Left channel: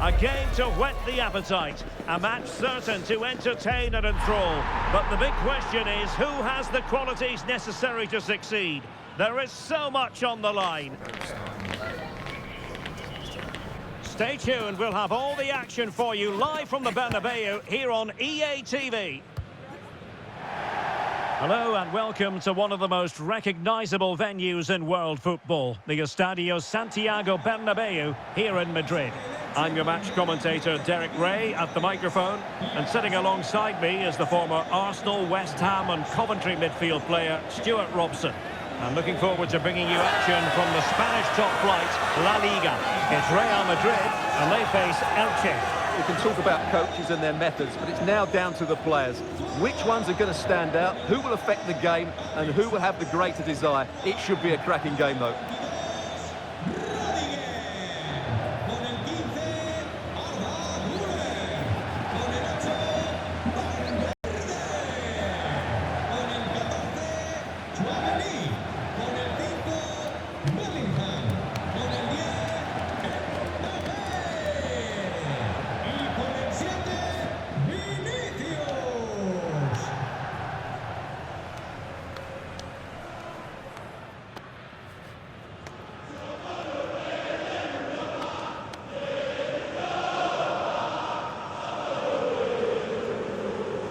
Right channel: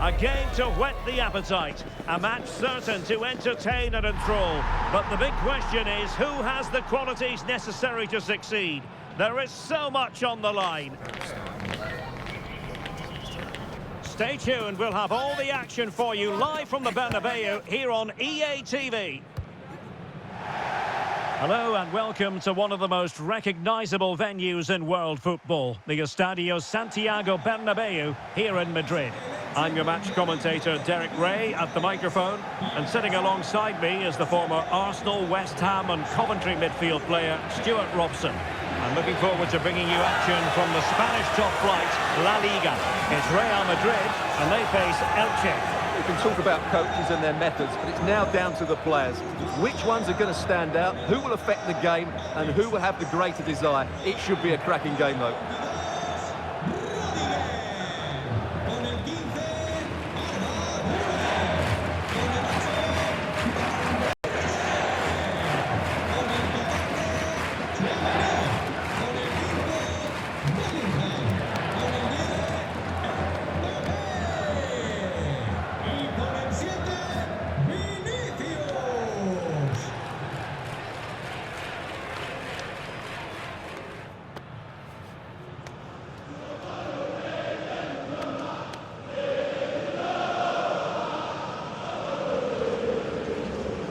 A game to whet the appetite. A match certain to entertain and enthrall. But the big question is, who has the qualities necessary to succeed? There is so much on the line. Stay tuned, we'll have all the action for you live from the Bernabeu here on EA TV. Hello and welcome to one of the most recognisable venues in world football, the Estadio Santiago Bernabeu here in Madrid. I'm your match commentator Derek Ray at the microphone, and sitting alongside me is the former Arsenal, West Ham and Coventry midfield player Stuart Robson. I'm looking forward to bringing you action from the Spanish top flight, LaLiga. It's Real Madrid and they face Elche. We can talk about coaches and their methods, but it's now down to the players. Which ones are going to stand out, who will affect the game, and who will have the greater desire. It should be a cracking game, though.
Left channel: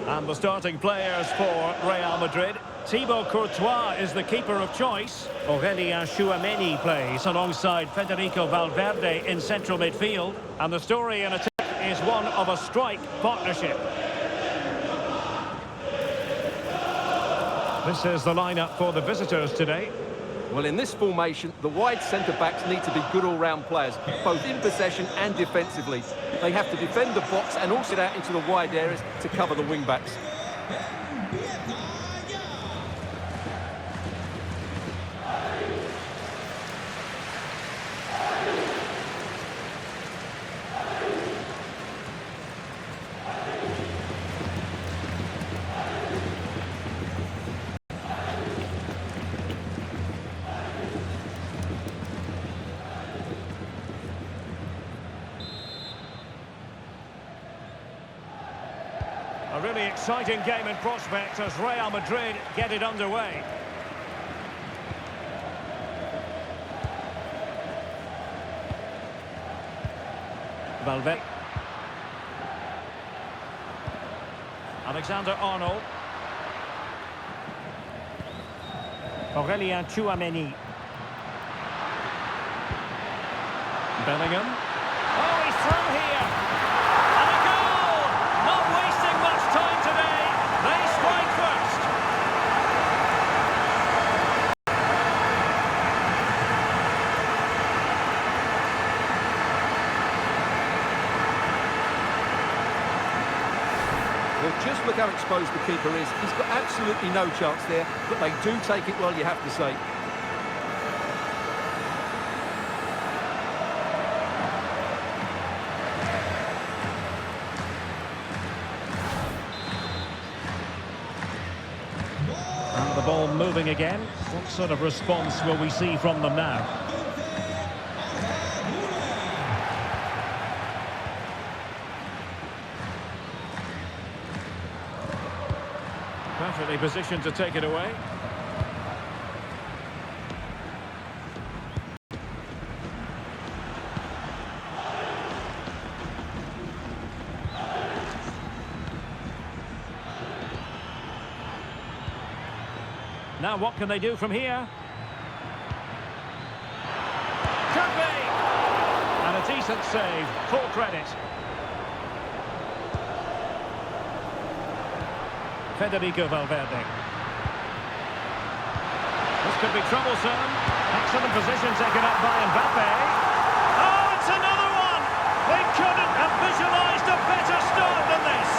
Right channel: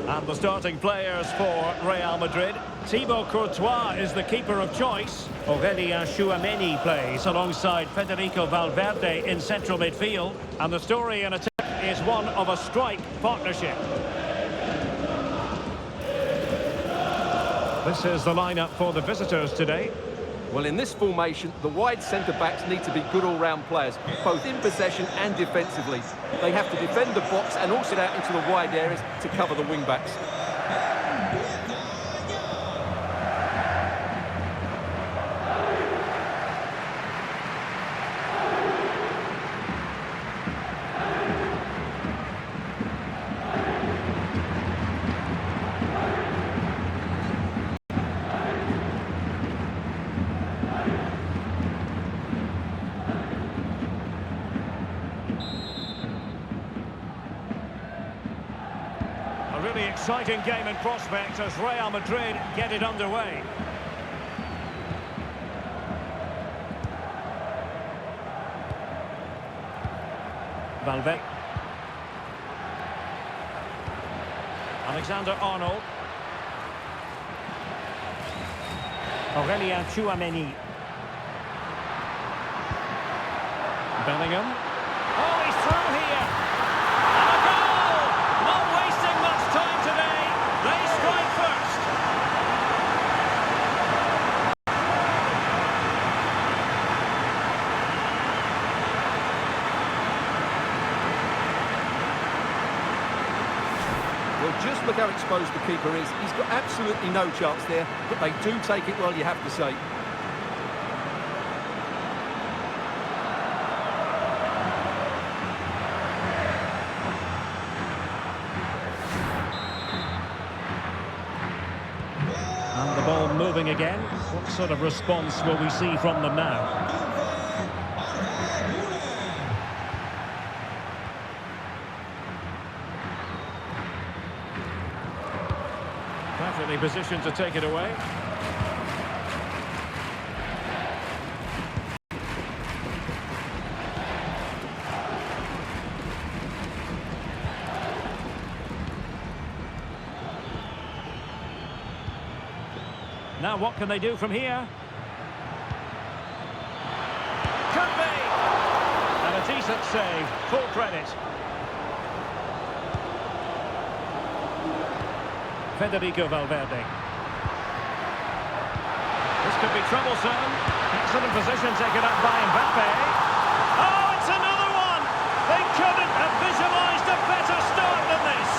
And the starting players for Real Madrid. Thibaut Courtois is the keeper of choice. Aurélien Tchouameni plays alongside Federico Valverde in central midfield. And the story in attack is one of a strike partnership. This is the lineup for the visitors today. Well, in this formation, the wide centre-backs need to be good all-round players, both in possession and defensively. They have to defend the box and also get out into the wide areas to cover the wing-backs. A really exciting game in prospect as Real Madrid get it underway. Valverde. Alexander-Arnold. Aurélien Tchouameni. Bellingham. Oh, he's through here. And a goal! Not wasting much time today. They strike first. Well, just look how exposed the keeper is. He's got absolutely no chance there, but they do take it well, you have to say. And the ball moving again. What sort of response will we see from them now? Perfectly positioned to take it away. Now what can they do from here? Could be! And a decent save, full credit. Federico Valverde. This could be troublesome. Excellent position taken up by Mbappe. Oh, it's another one! They couldn't have visualised a better start than this.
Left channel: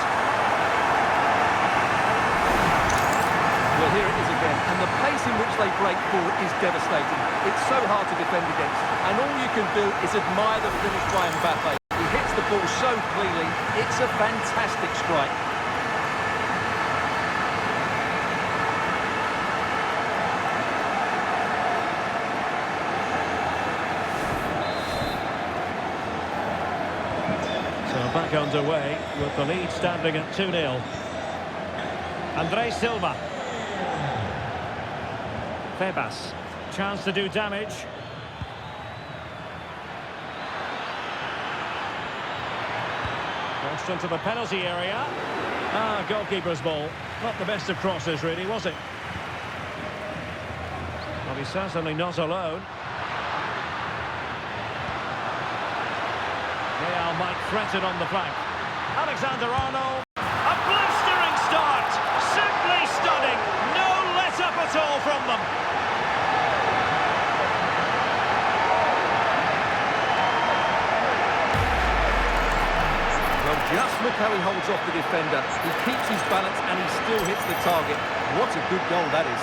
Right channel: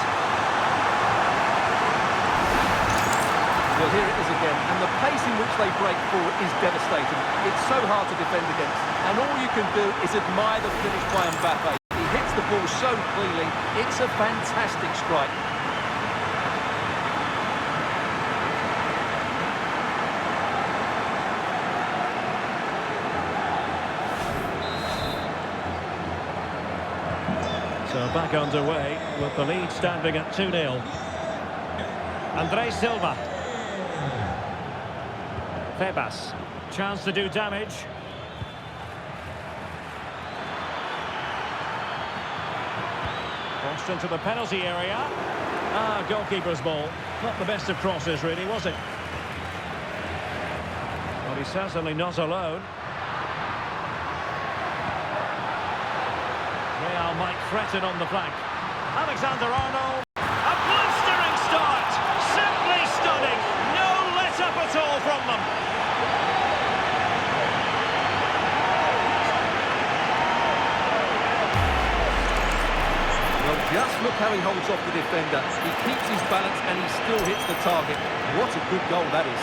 Well, here it is again, and the pace in which they break forward is devastating. It's so hard to defend against, and all you can do is admire the finish by Mbappe. He hits the ball so cleanly, it's a fantastic strike. So back underway with the lead standing at 2-0. André Silva. Febas. Chance to do damage. Crossed into the penalty area. Goalkeeper's ball. Not the best of crosses, really, was it? Well, he's certainly not alone. Real might threaten on the flank. Alexander-Arnold. A blistering start. Simply stunning. No let-up at all from them. Well, just look how he holds off the defender. He keeps his balance and he still hits the target. What a good goal that is.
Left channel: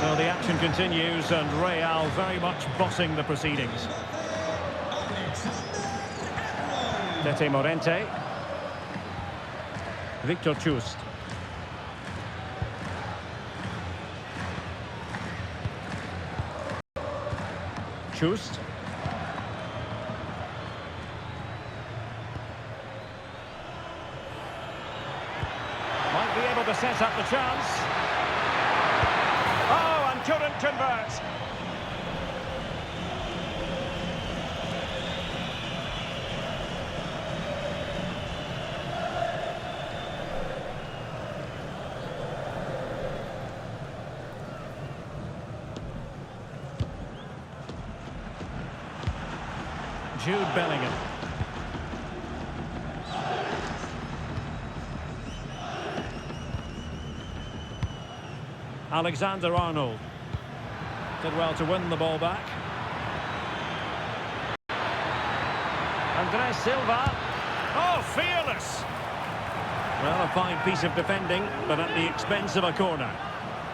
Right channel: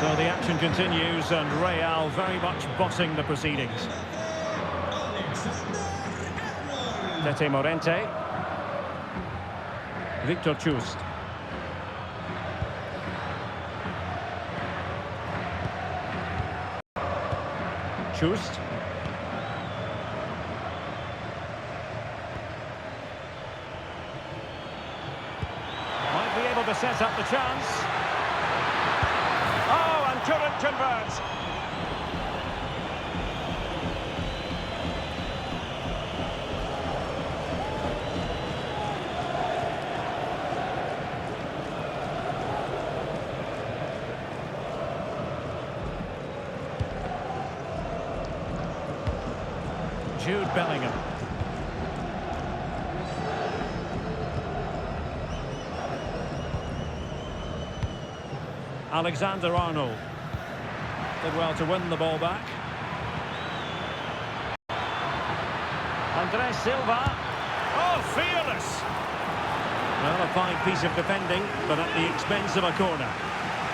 So the action continues and Real very much bossing the proceedings. Tete Morente. Victor Chust. Chust. Might be able to set up the chance. Oh, and couldn't convert. Jude Bellingham. Alexander-Arnold. Did well to win the ball back. André Silva. Oh, fearless! Well, a fine piece of defending, but at the expense of a corner.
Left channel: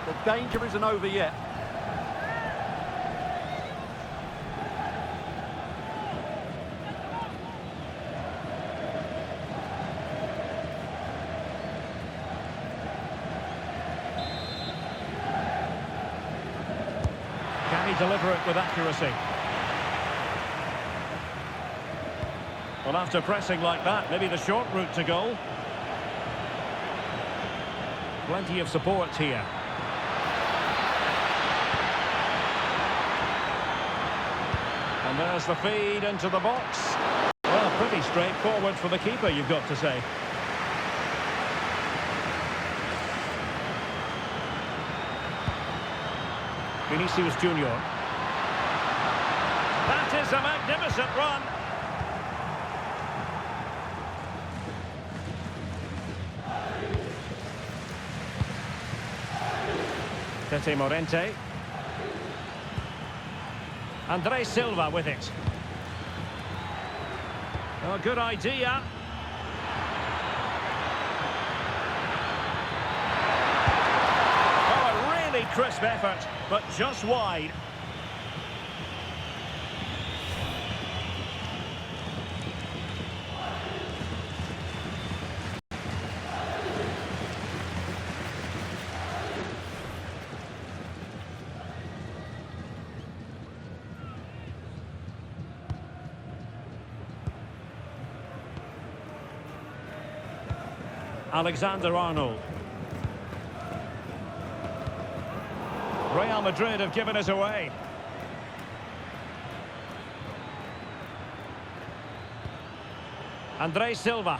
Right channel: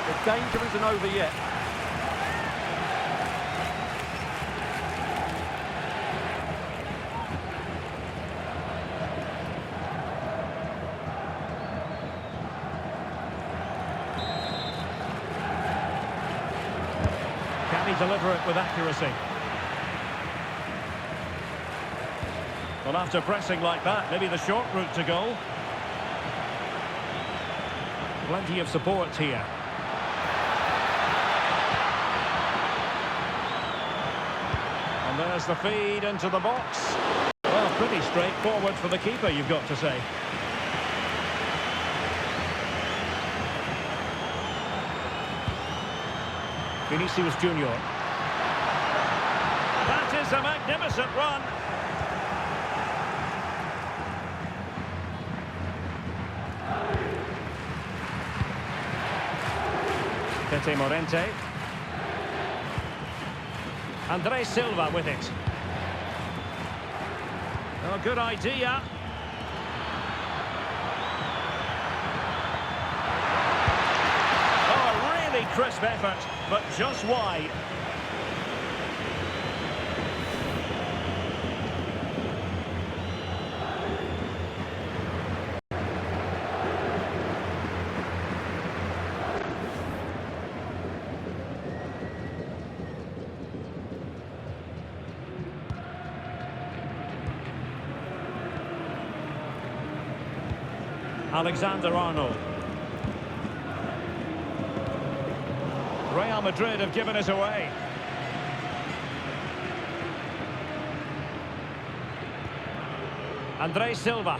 The danger isn't over yet. Can he deliver it with accuracy? Well, after pressing like that, maybe the short route to goal. Plenty of support here. And there's the feed into the box. Well, pretty straightforward for the keeper, you've got to say. Vinicius Junior. That is a magnificent run. Tete Morente. André Silva with it. Oh, good idea. Oh, a really crisp effort, but just wide. Alexander-Arnold. Real Madrid have given it away. André Silva.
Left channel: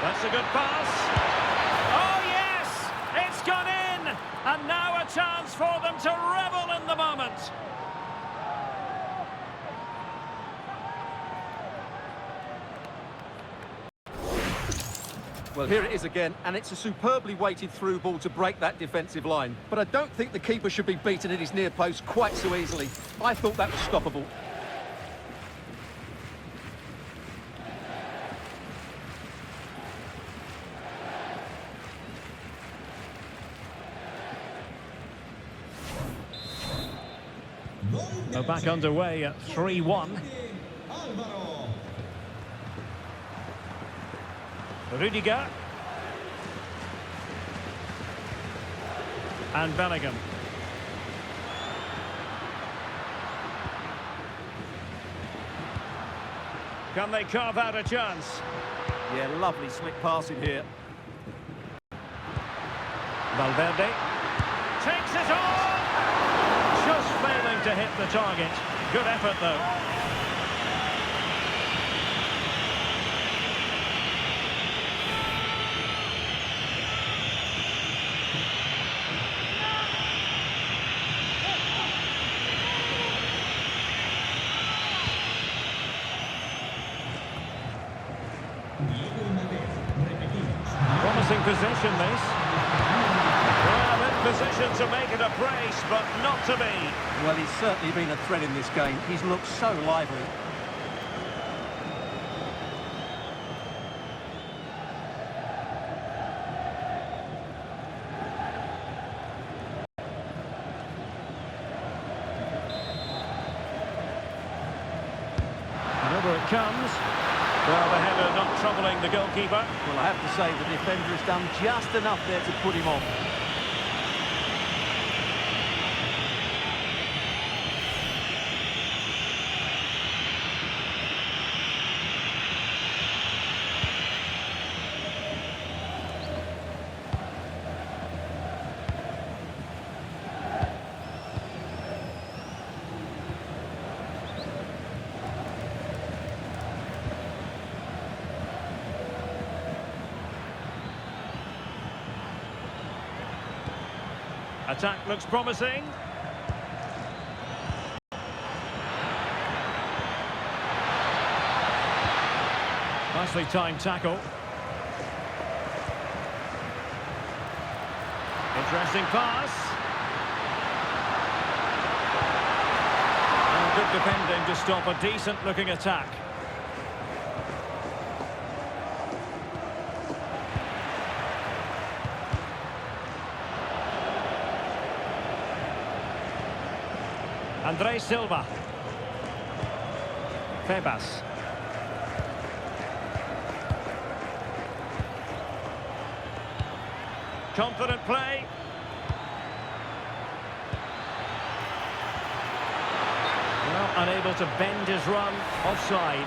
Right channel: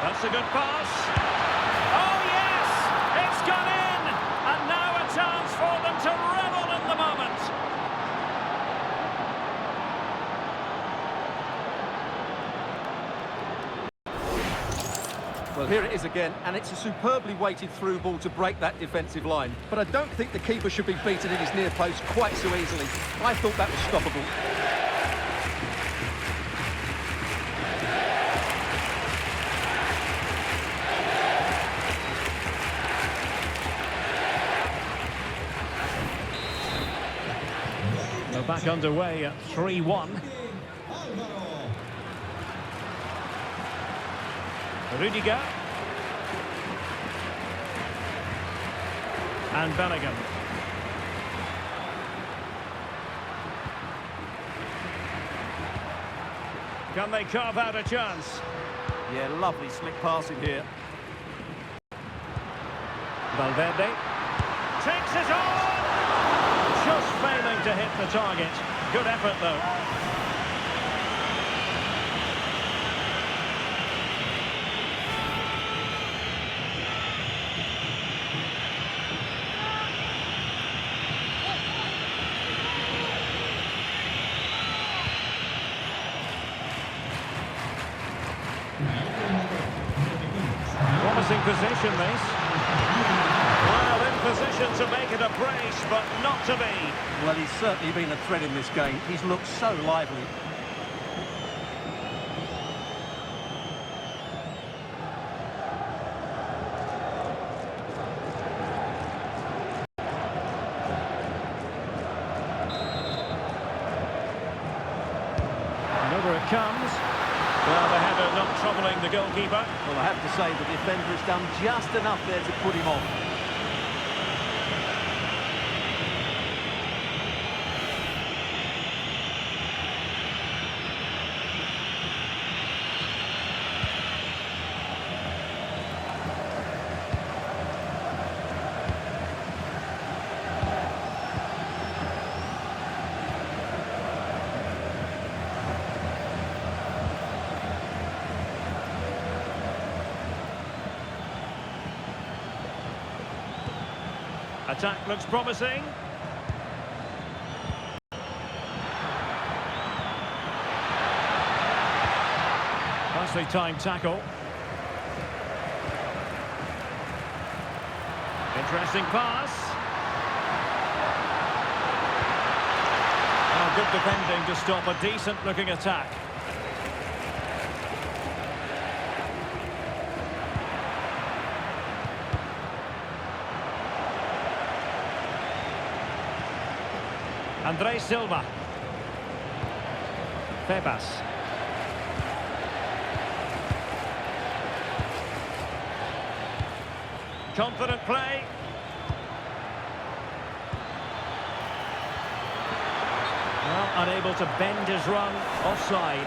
That's a good pass. Oh yes! It's gone in! And now a chance for them to revel in the moment. Well, here it is again, and it's a superbly weighted through ball to break that defensive line. But I don't think the keeper should be beaten in his near post quite so easily. I thought that was stoppable. We're back underway at 3-1. Rudiger. And Bellingham. Can they carve out a chance? Yeah, lovely slick passing here. Valverde takes it on! Just failing to hit the target. Good effort, though. Promising position, this. Well, in position to make it a brace, but not to be. Well, he's certainly been a threat in this game. He's looked so lively. And over it comes. Well, the header not troubling the goalkeeper. Well, I have to say the defender has done just enough there to put him off. Attack looks promising. Nicely timed tackle. Interesting pass. Oh, good defending to stop a decent-looking attack. André Silva. Febas. Confident play. Well, unable to bend his run. Offside.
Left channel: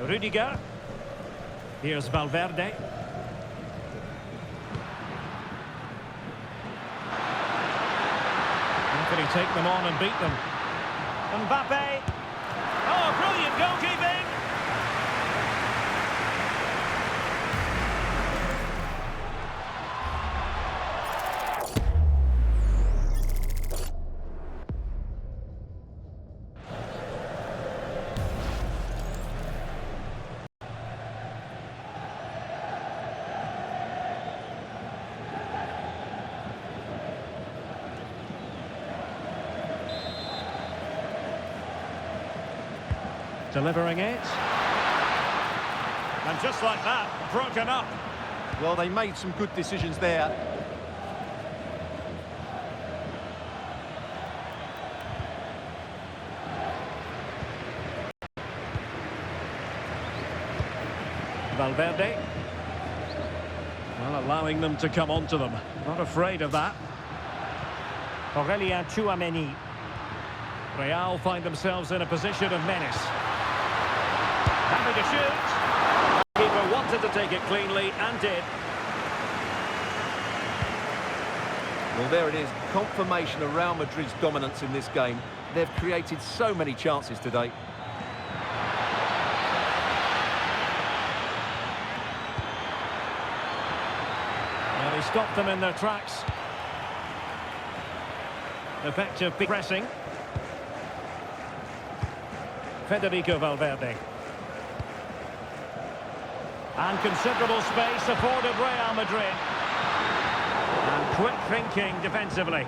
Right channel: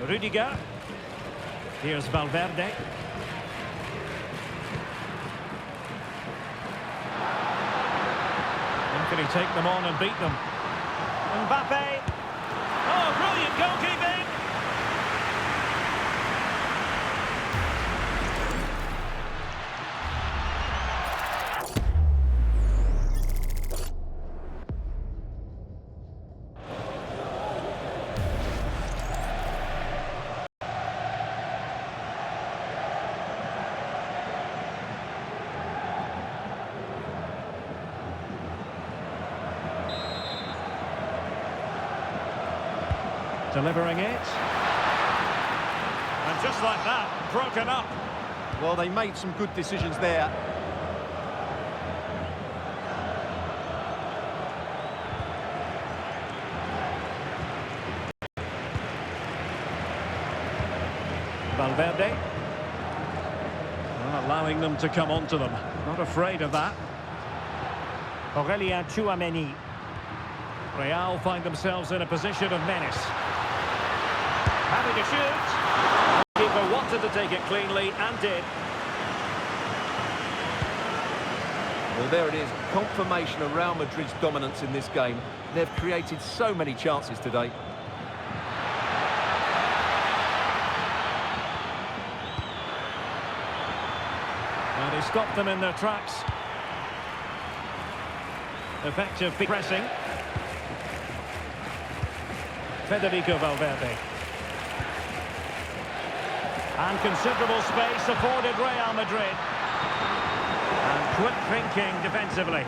Rudiger. Here's Valverde. How can he take them on and beat them? Mbappe. Oh, brilliant goalkeeping! Delivering it. And just like that, broken up. Well, they made some good decisions there. Valverde. Well, allowing them to come onto them. Not afraid of that. Aurelien Tchouameni. Real find themselves in a position of menace. Happy to shoot. The keeper wanted to take it cleanly and did. Well, there it is. Confirmation of Real Madrid's dominance in this game. They've created so many chances today. Well, he stopped them in their tracks. Effective pressing. Federico Valverde. And considerable space afforded Real Madrid. And quick thinking defensively.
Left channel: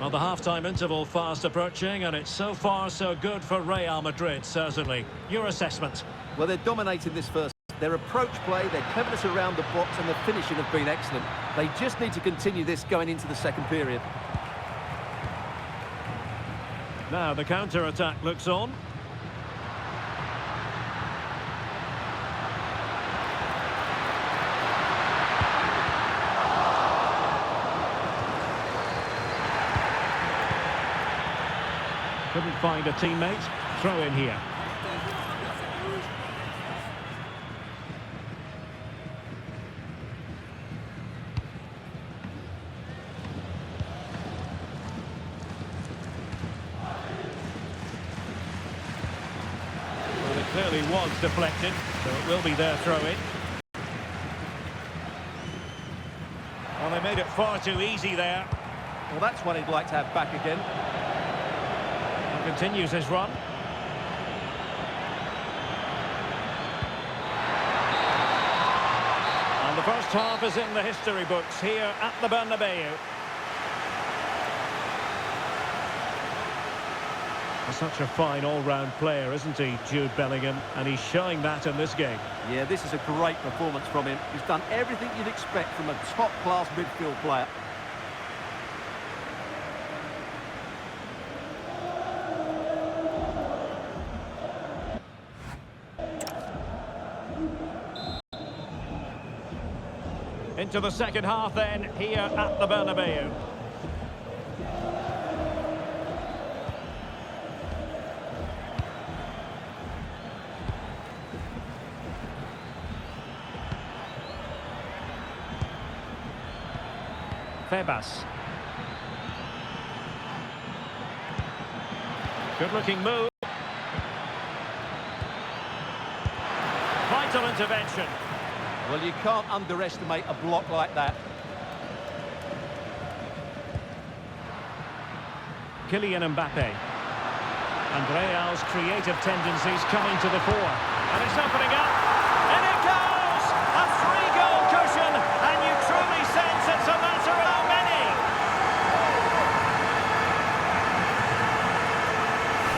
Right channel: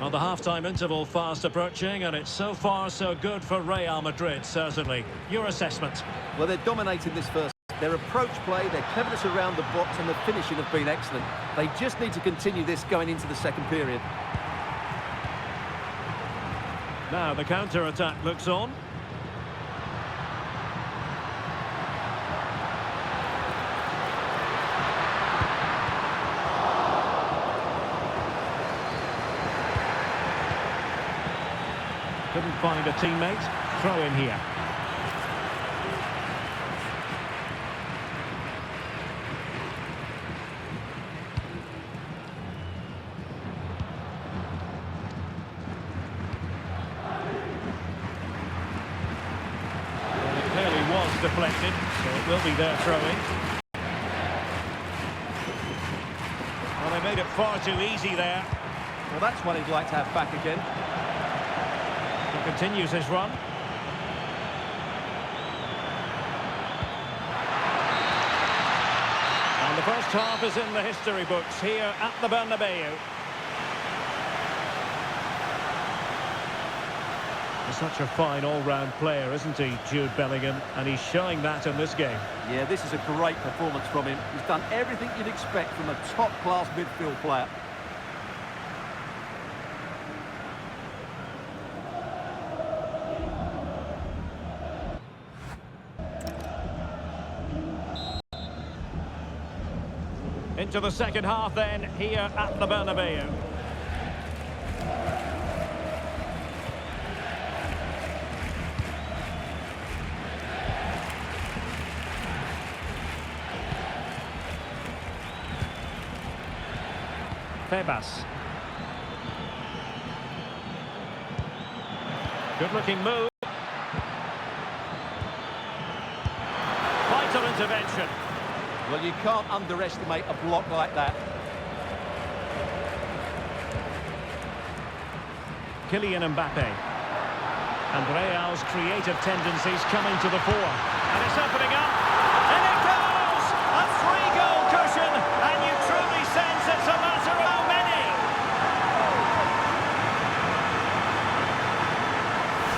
Well, the half-time interval fast approaching, and it's so far so good for Real Madrid, certainly. Your assessment? Well, they're dominating this first. Their approach play, their cleverness around the box and the finishing have been excellent. They just need to continue this going into the second period. Now the counter-attack looks on. Couldn't find a teammate. Throw in here. Well, it clearly was deflected, so it will be their throw-in. Well, they made it far too easy there. Well, that's one he'd like to have back again. Continues his run. And the first half is in the history books here at the Bernabeu. He's such a fine all-round player, isn't he, Jude Bellingham? And he's showing that in this game. Yeah, this is a great performance from him. He's done everything you'd expect from a top-class midfield player. Into the second half then, here at the Bernabeu. Febas. Good-looking move. Vital intervention. Well, you can't underestimate a block like that. Kylian Mbappe. And Real's creative tendencies coming to the fore. And it's opening up. And it goes! A 3-goal cushion. And you truly sense it's a matter of how many.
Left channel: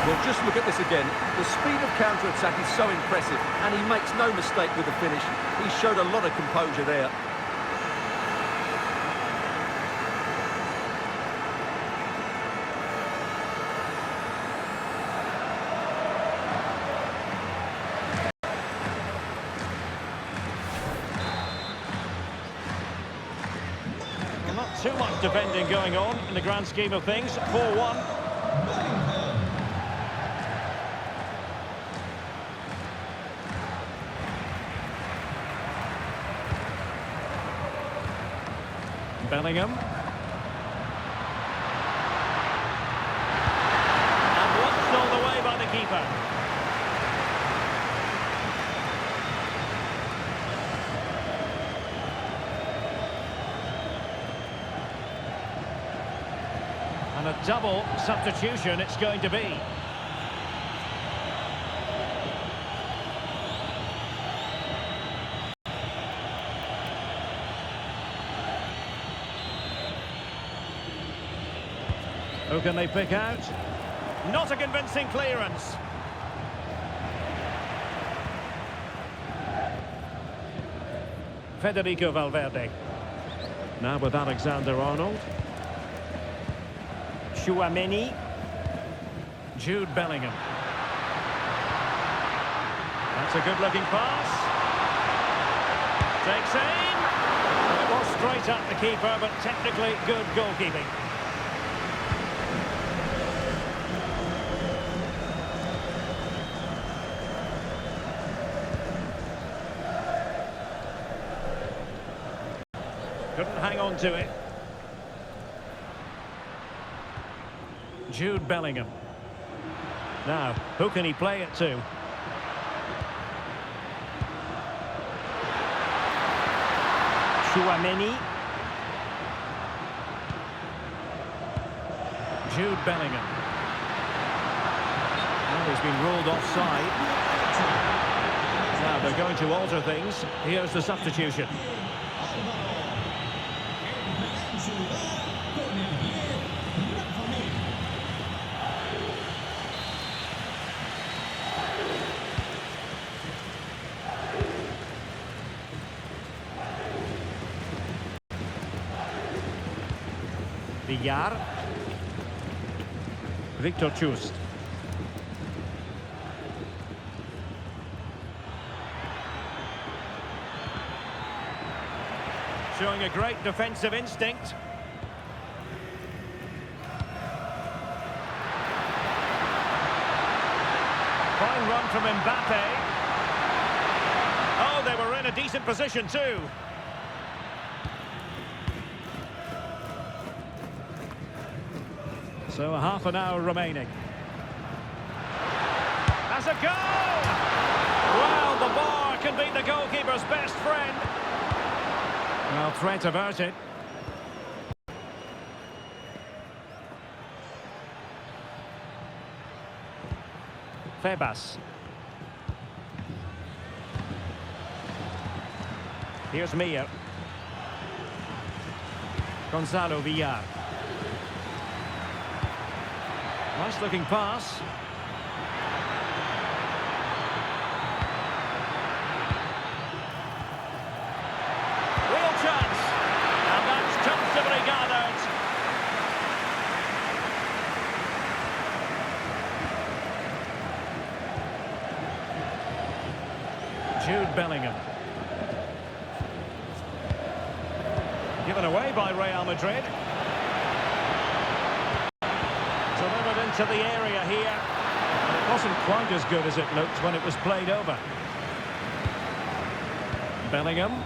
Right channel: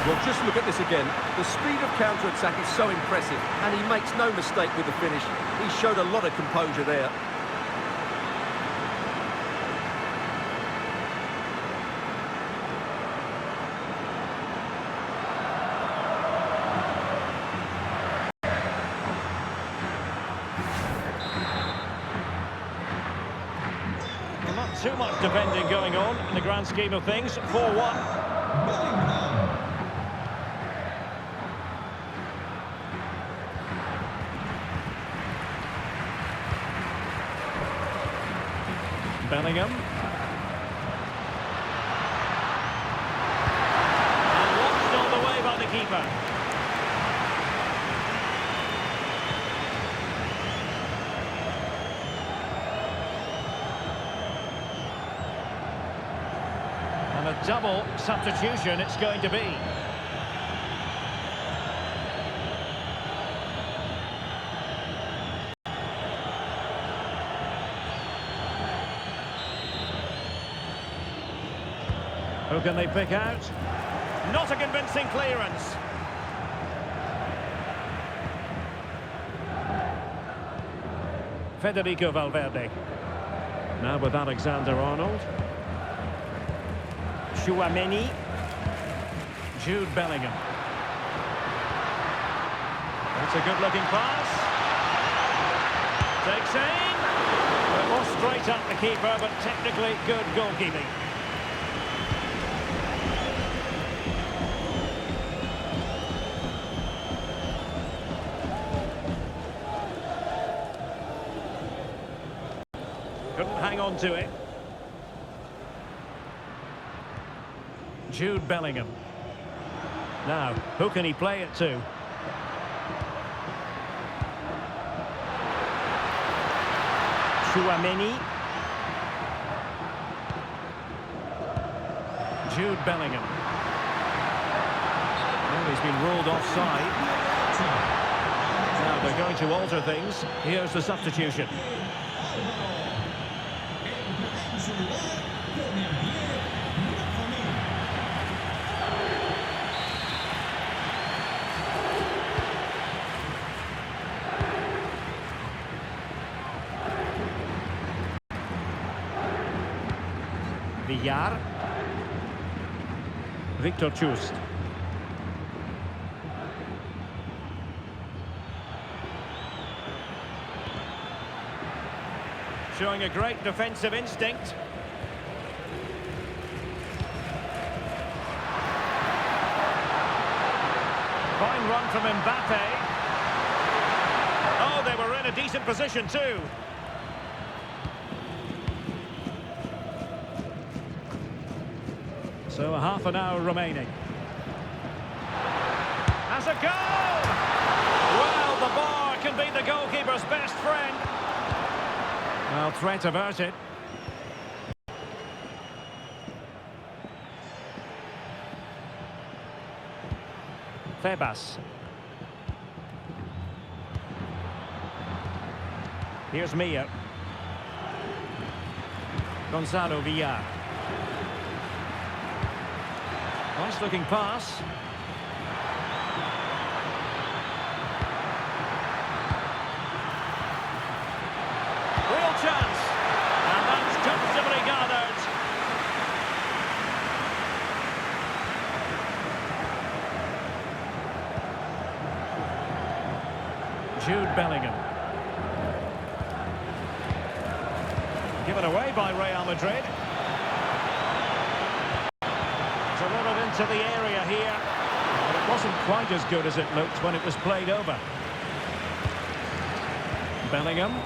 Well, just look at this again. The speed of counter-attack is so impressive, and he makes no mistake with the finish. He showed a lot of composure there. Well, not too much defending going on in the grand scheme of things. 4-1. Bellingham. And watched all the way by the keeper. And a double substitution it's going to be. Who can they pick out? Not a convincing clearance. Federico Valverde. Now with Alexander-Arnold. Chouameni. Jude Bellingham. That's a good-looking pass. Takes aim. Well, it was straight at the keeper, but technically good goalkeeping. Couldn't hang on to it. Jude Bellingham. Now, who can he play it to? Chouameni. Jude Bellingham. Well, he's been ruled offside. Now they're going to alter things. Here's the substitution. Villar. Victor Chust. Showing a great defensive instinct. Fine run from Mbappe. Oh, they were in a decent position too. So a half an hour remaining. That's a goal! Well, the bar can be the goalkeeper's best friend. Well, threat averted. Febas. Here's Mia. Gonzalo Villar. Nice looking pass. Real chance. And that's comfortably gathered. Jude Bellingham. Given away by Real Madrid. Delivered into the area here. But it wasn't quite as good as it looked when it was played over. Bellingham.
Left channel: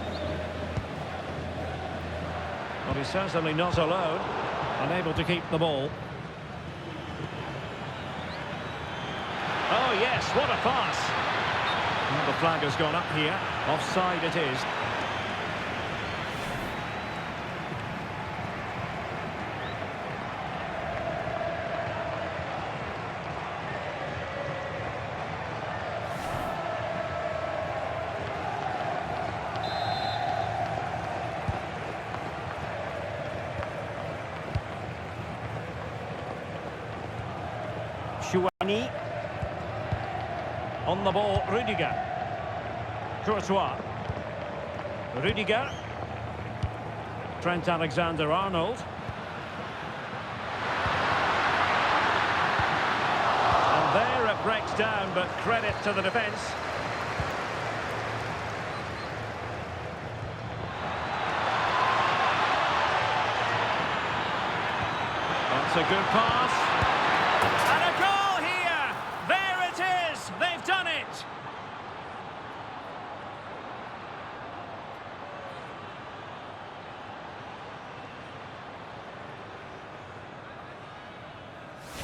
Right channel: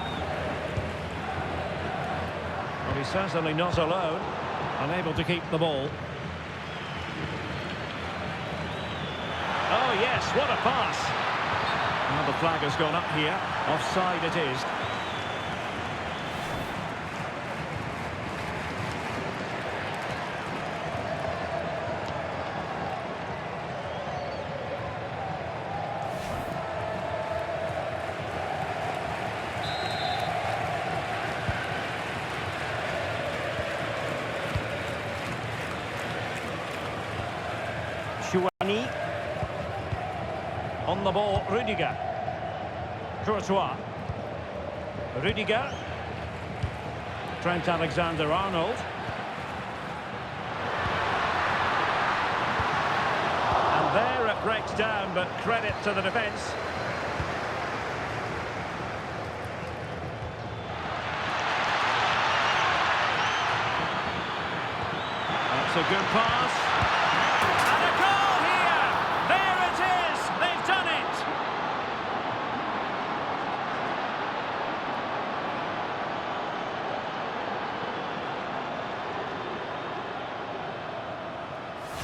Well, he's certainly not alone. Unable to keep the ball. Oh, yes, what a pass. Well, the flag has gone up here. Offside it is. Chouani. On the ball, Rudiger. Courtois. Rudiger. Trent Alexander-Arnold. And there it breaks down, but credit to the defence. That's a good pass. And a goal here! There it is! They've done it!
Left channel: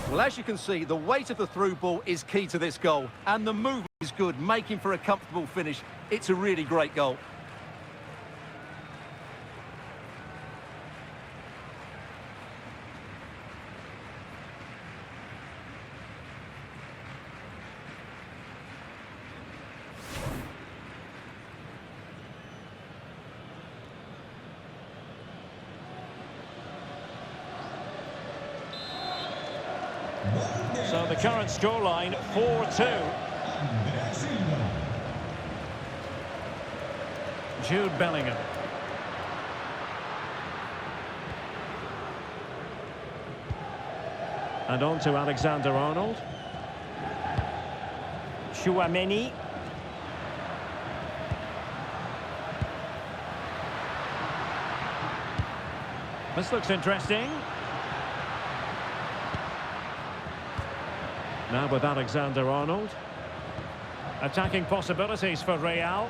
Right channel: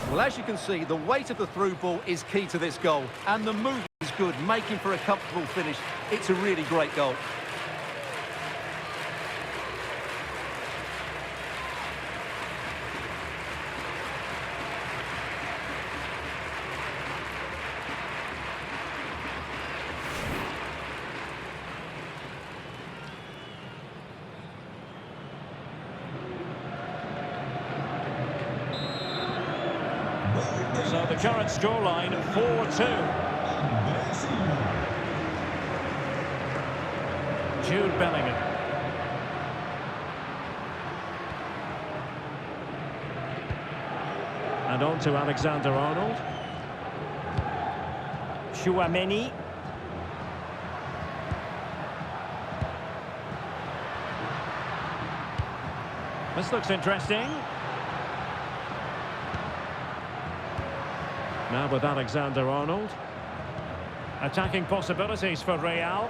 Well, as you can see, the weight of the through ball is key to this goal. And the movement is good, making for a comfortable finish. It's a really great goal. So the current scoreline, 4-2. Jude Bellingham. And on to Alexander-Arnold. Chouameni. This looks interesting. Now with Alexander-Arnold. Attacking possibilities for Real.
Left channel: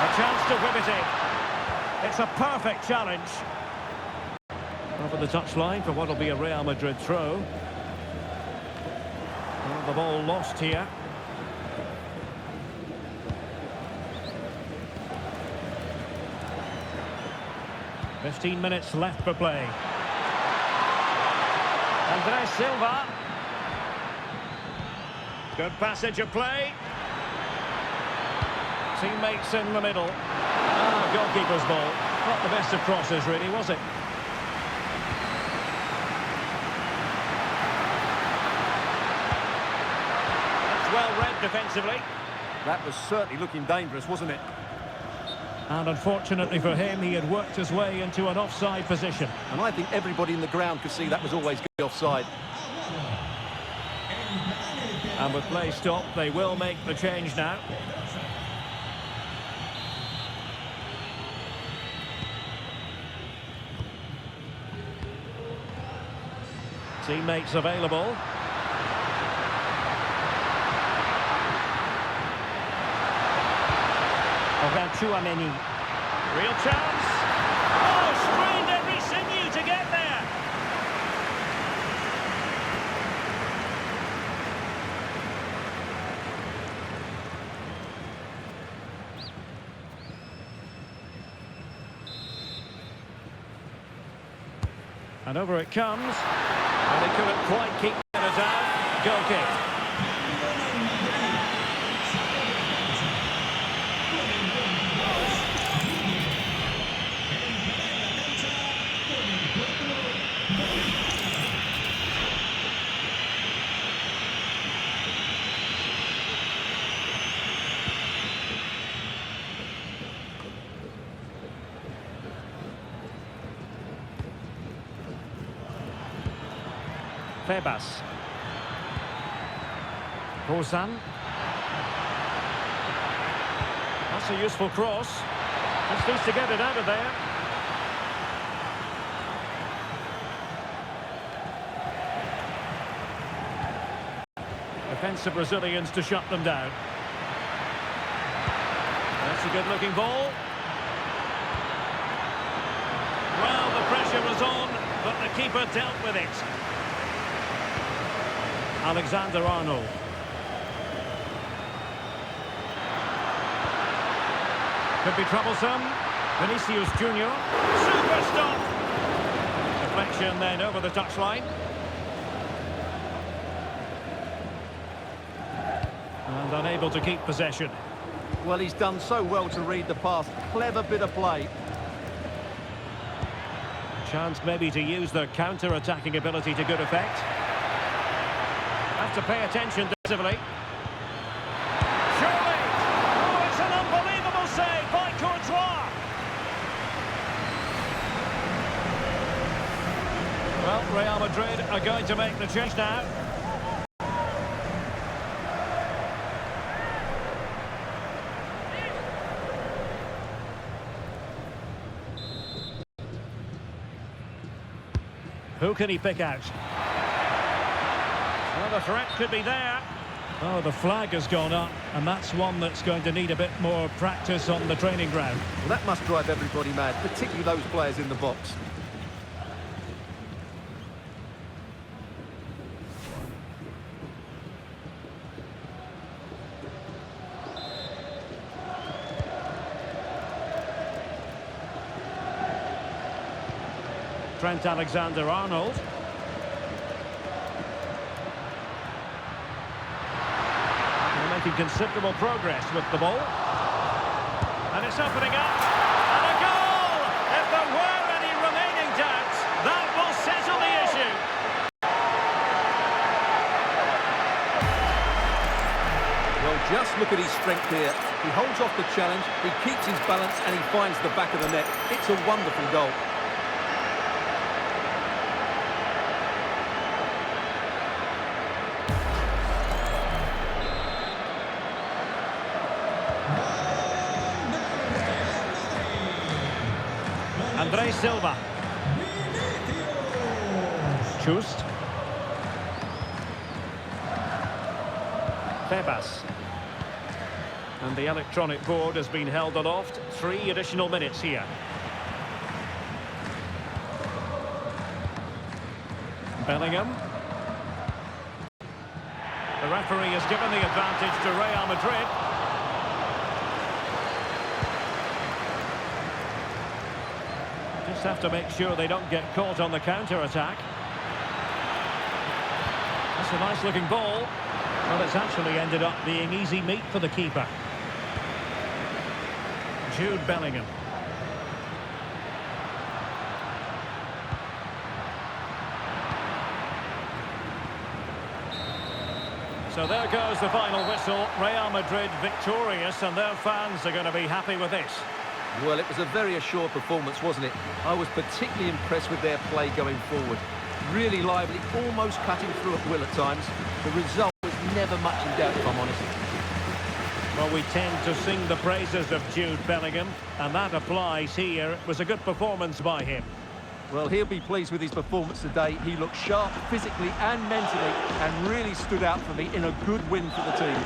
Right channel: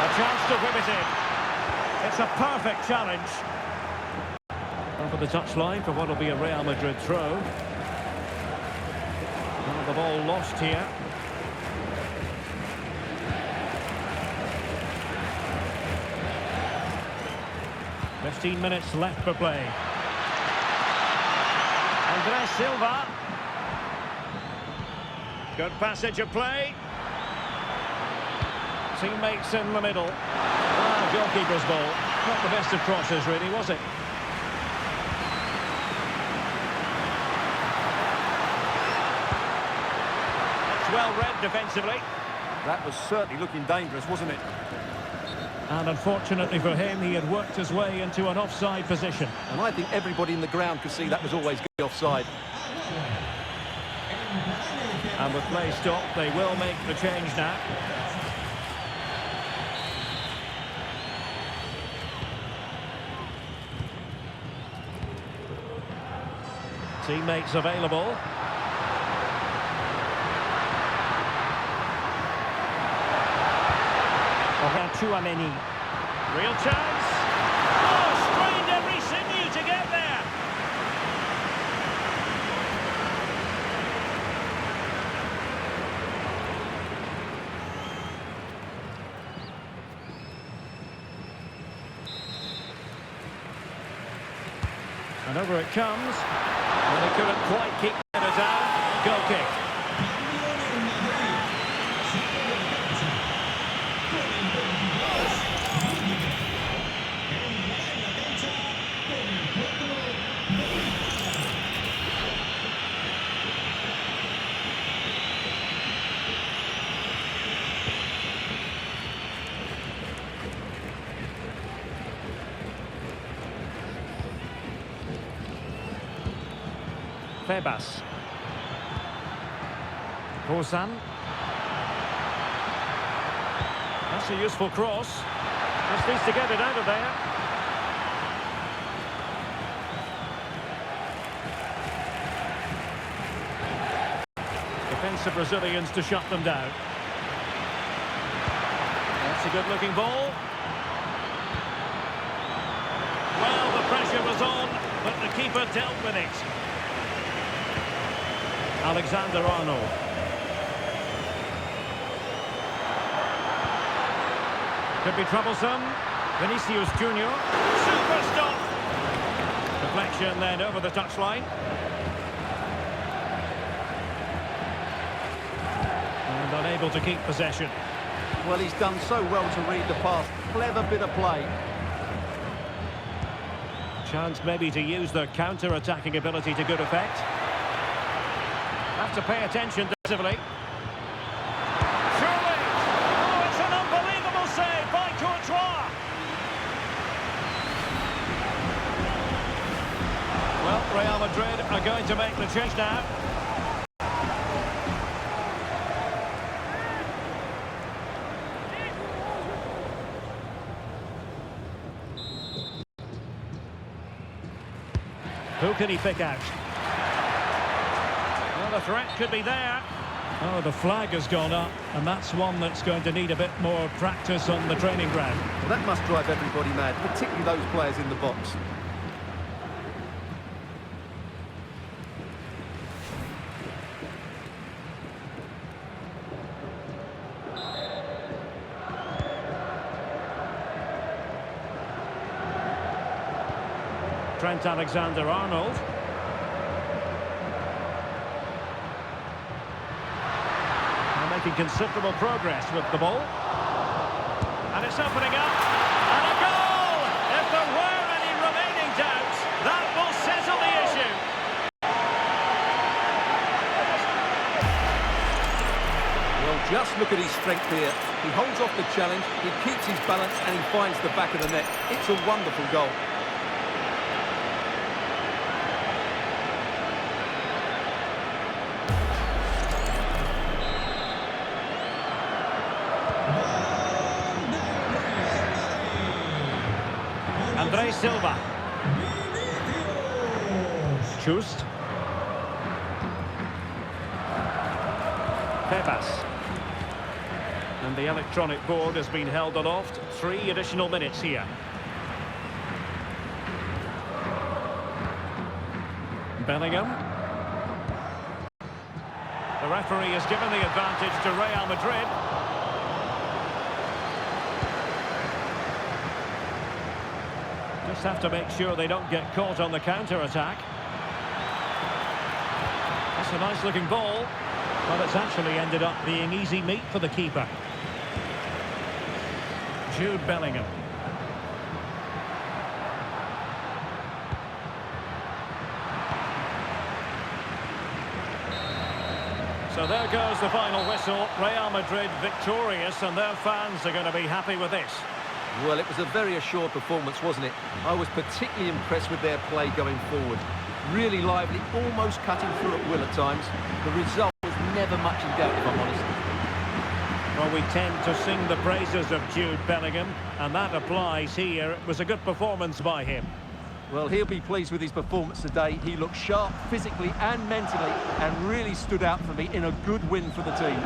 A chance to whip it in. It's a perfect challenge. Over the touchline for what will be a Real Madrid throw. Oh, the ball lost here. "15 minutes left for play. Andres Silva. Good passage of play. Teammates in the middle. Goalkeeper's ball. Not the best of crosses, really, was it? That's well read defensively. That was certainly looking dangerous, wasn't it? And unfortunately for him, he had worked his way into an offside position. And I think everybody in the ground could see that was always going to be offside. And with play stopped, they will make the change now. Teammates available. Chouameni. Real chance. Oh, strained every sinew to get there. And over it comes. And they couldn't quite keep it down. Goal kick. Febas. Corsair. That's a useful cross. Just needs to get it out of there. Defensive Brazilians to shut them down. That's a good-looking ball. Well, the pressure was on, but the keeper dealt with it. Alexander-Arnold. Could be troublesome. Vinicius Junior. Super stop. Deflection then over the touchline. And unable to keep possession. Well, he's done so well to read the pass. Clever bit of play. Chance maybe to use their counter-attacking ability to good effect. Have to pay attention defensively. Surely! Oh, it's an unbelievable save by Courtois! Well, Real Madrid are going to make the change now. Who can he pick out? Well, the threat could be there. Oh, the flag has gone up, and that's one that's going to need a bit more practice on the training ground. Well, that must drive everybody mad, particularly those players in the box. Trent Alexander-Arnold. Making considerable progress with the ball. And it's opening up. And a goal! If there were any remaining doubts, that will settle the issue. Well, just look at his strength here. He holds off the challenge, he keeps his balance, and he finds the back of the net. It's a wonderful goal. André Silva. Just. Febas. And the electronic board has been held aloft. 3 additional minutes here. Bellingham. The referee has given the advantage to Real Madrid. Just have to make sure they don't get caught on the counter-attack. That's a nice-looking ball. Well, it's actually ended up being easy meat for the keeper. Jude Bellingham. So there goes the final whistle. Real Madrid victorious, and their fans are going to be happy with this. Well, it was a very assured performance, wasn't it? I was particularly impressed with their play going forward. Really lively, almost cutting through at will at times. The result was never much in doubt, if I'm honest. Well, we tend to sing the praises of Jude Bellingham, and that applies here. It was a good performance by him. Well, he'll be pleased with his performance today. He looked sharp physically and mentally and really stood out for me in a good win for the team.